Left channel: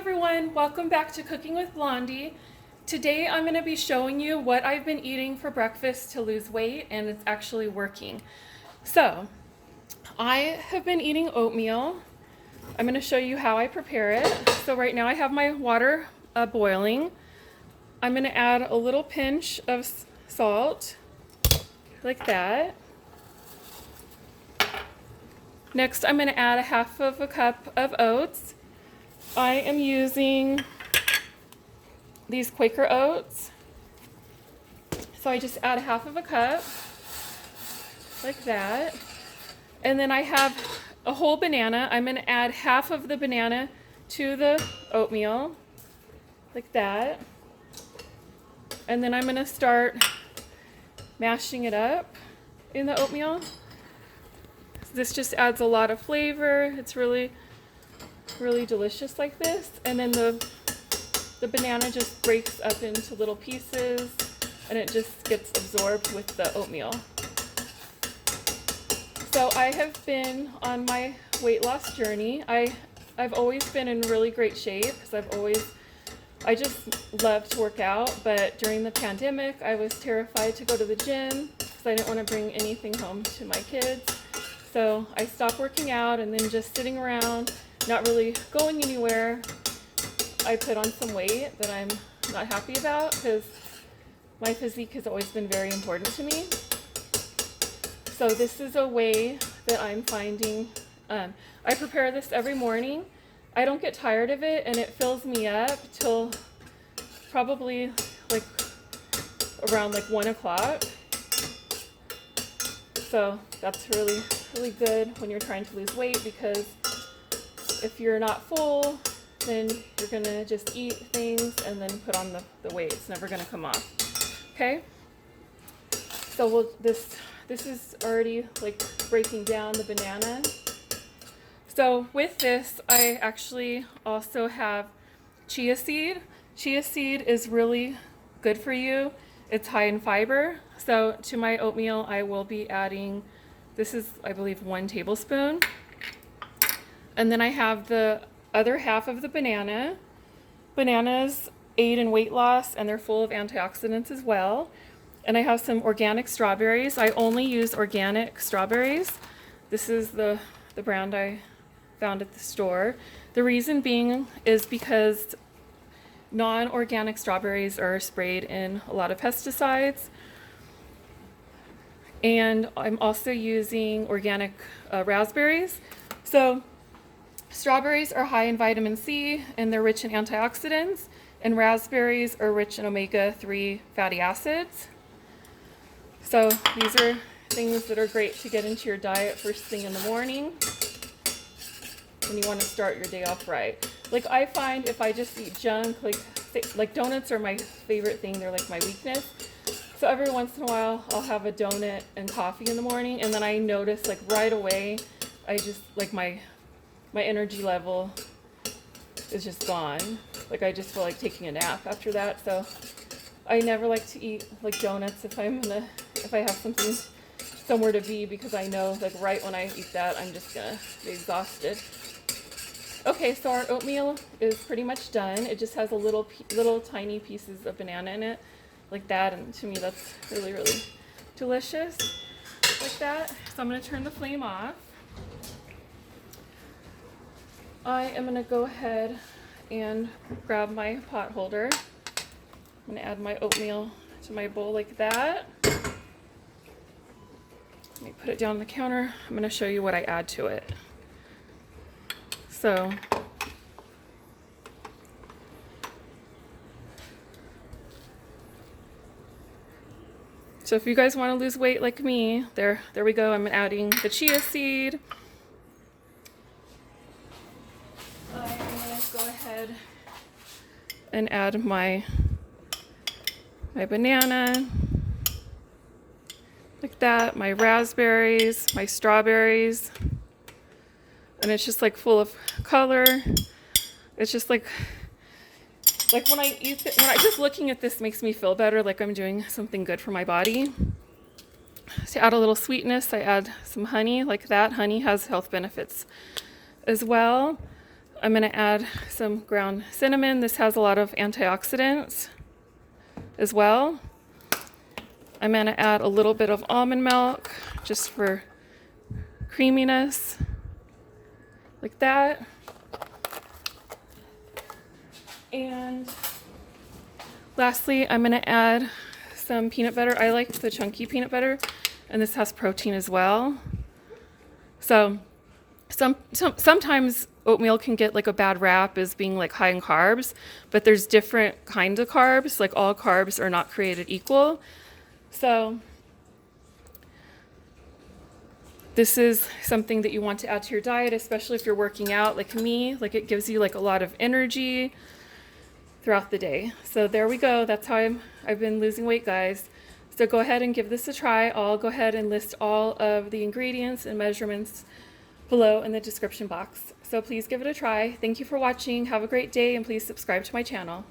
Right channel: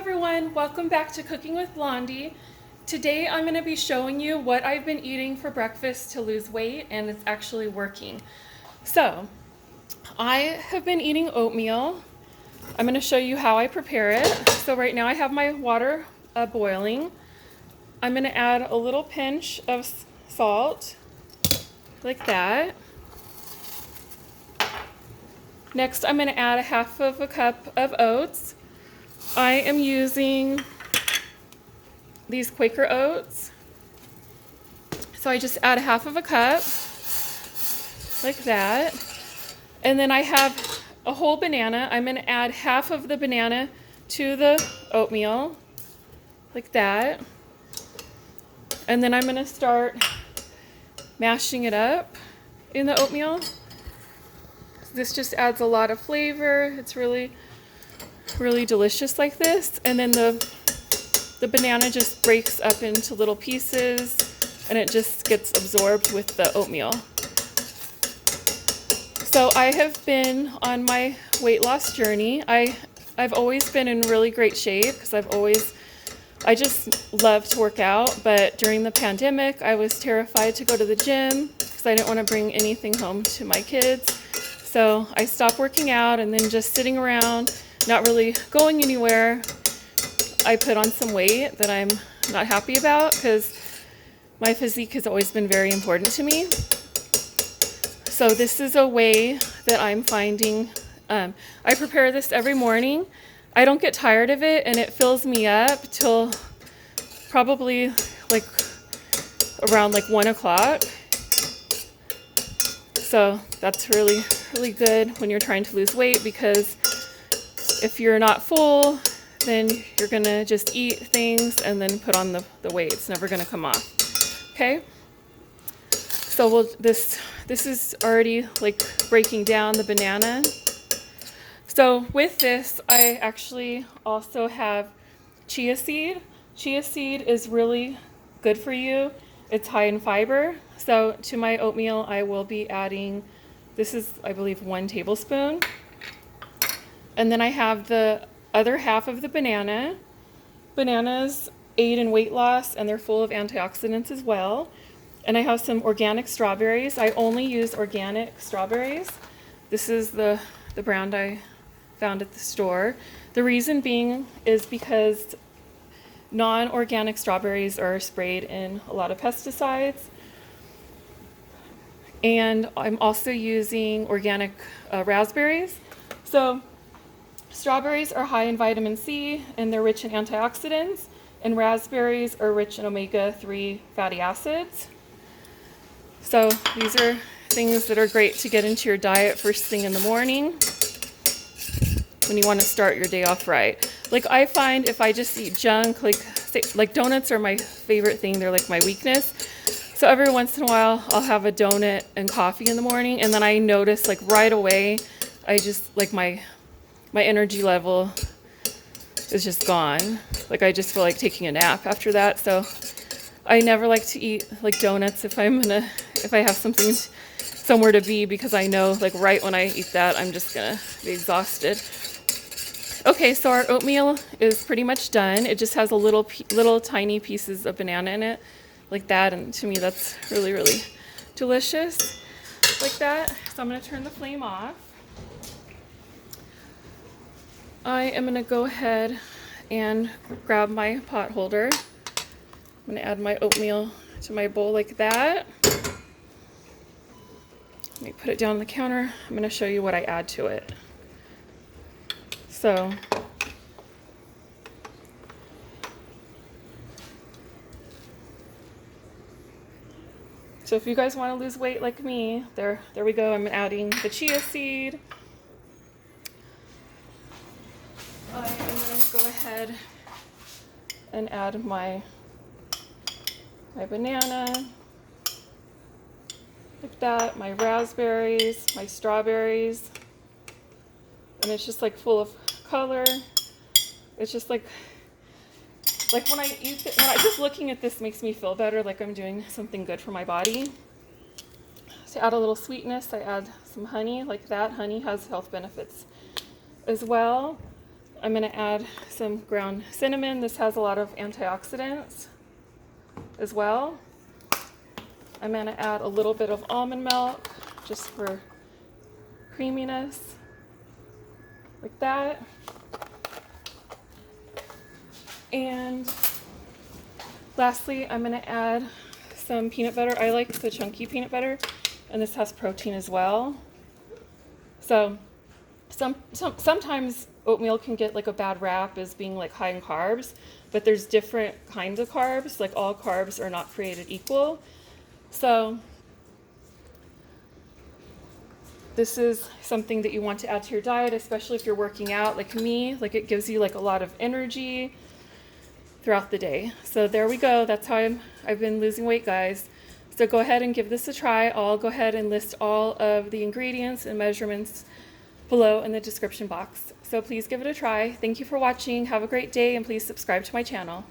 everyone, welcome back to Cooking with Blondie. Today I'm going to be showing you what I've been eating for breakfast to lose weight, and it's actually working. So, I have been eating oatmeal. I'm going to show you how I prepare it. So right now I have my water boiling. I'm going to add a little pinch of salt, like that. Next I'm going to add a half of a cup of oats. I am using these Quaker oats. So I just add a half of a cup, like that. And then I have a whole banana. I'm going to add half of the banana to the oatmeal, like that. And then I'm going to start mashing it up in the oatmeal. This just adds a lot of flavor. It's really delicious like this. And then the banana just breaks up into little pieces and it just gets absorbed with the oatmeal. So I have been on my weight loss journey. I've always been in really great shape because I just love to work out, but during the pandemic I was terrified to go to the gym because I didn't want to bring anything home to my kids. So I stopped working out, and then just sitting around, not really going anywhere, I put on some weight that I'm not happy about because my physique has always been very important to me. So this is a way that I'm finding. I prepare this every morning. I don't get tired of it, and it fills me up till probably like around like 1 o'clock. So that's really good when you're trying to lose weight, because if you're not full, then you're gonna just eat things and then put on the weight. It's never gonna come off. Okay? So this is already like breaking down the banana. So with this, I actually also have chia seed. Chia seed is really good for you. It's high in fiber. So to my oatmeal, I will be adding, this is, I believe, 1 tablespoon. And then I have the other half of the banana. Bananas aid in weight loss, and they're full of antioxidants as well. And I have some organic strawberries. I only use organic strawberries. This is the brand I found at the store. The reason being is because non-organic strawberries are sprayed in a lot of pesticides. And I'm also using organic raspberries. So strawberries are high in vitamin C, and they're rich in antioxidants, and raspberries are rich in omega-3 fatty acids. So these are things that are great to get into your diet first thing in the morning when you want to start your day off right. Like, I find if I just eat junk, like donuts are my favorite thing. They're like my weakness. So every once in a while, I'll have a donut and coffee in the morning, and then I notice like right away, I just like my energy level is just gone. Like, I just feel like taking a nap after that. So I never like to eat like donuts if I have something somewhere to be, because I know like right when I eat that, I'm just gonna be exhausted. Okay, so our oatmeal is pretty much done. It just has a little tiny pieces of banana in it, like that, and to me that's really delicious, like that. So I'm gonna turn the flame off. I am gonna go ahead and grab my pot holder. I'm gonna add my oatmeal to my bowl like that. Let me put it down on the counter. I'm gonna show you what I add to it. So if you guys want to lose weight like me, there we go. I'm adding the chia seed. I am going to go ahead and add my banana, like that, my raspberries, my strawberries, and it's just like full of color. It's just like when I eat it, just looking at this makes me feel better, like I'm doing something good for my body. To add a little sweetness, I add some honey, like that. Honey has health benefits as well. I'm going to add some ground cinnamon. This has a lot of antioxidants as well. I'm going to add a little bit of almond milk just for creaminess, like that. And lastly, I'm going to add some peanut butter. I like the chunky peanut butter, and this has protein as well. So sometimes oatmeal can get like a bad rap as being like high in carbs, but there's different kinds of carbs. Like all carbs are not created equal. So this is something that you want to add to your diet, especially if you're working out like me. Like it gives you like a lot of energy throughout the day. So there we go. That's how I've been losing weight, guys. So go ahead and give this a try. I'll go ahead and list all of the ingredients and measurements below in the description box. So please give it a try. Thank you for watching. Have a great day, and please subscribe to my channel.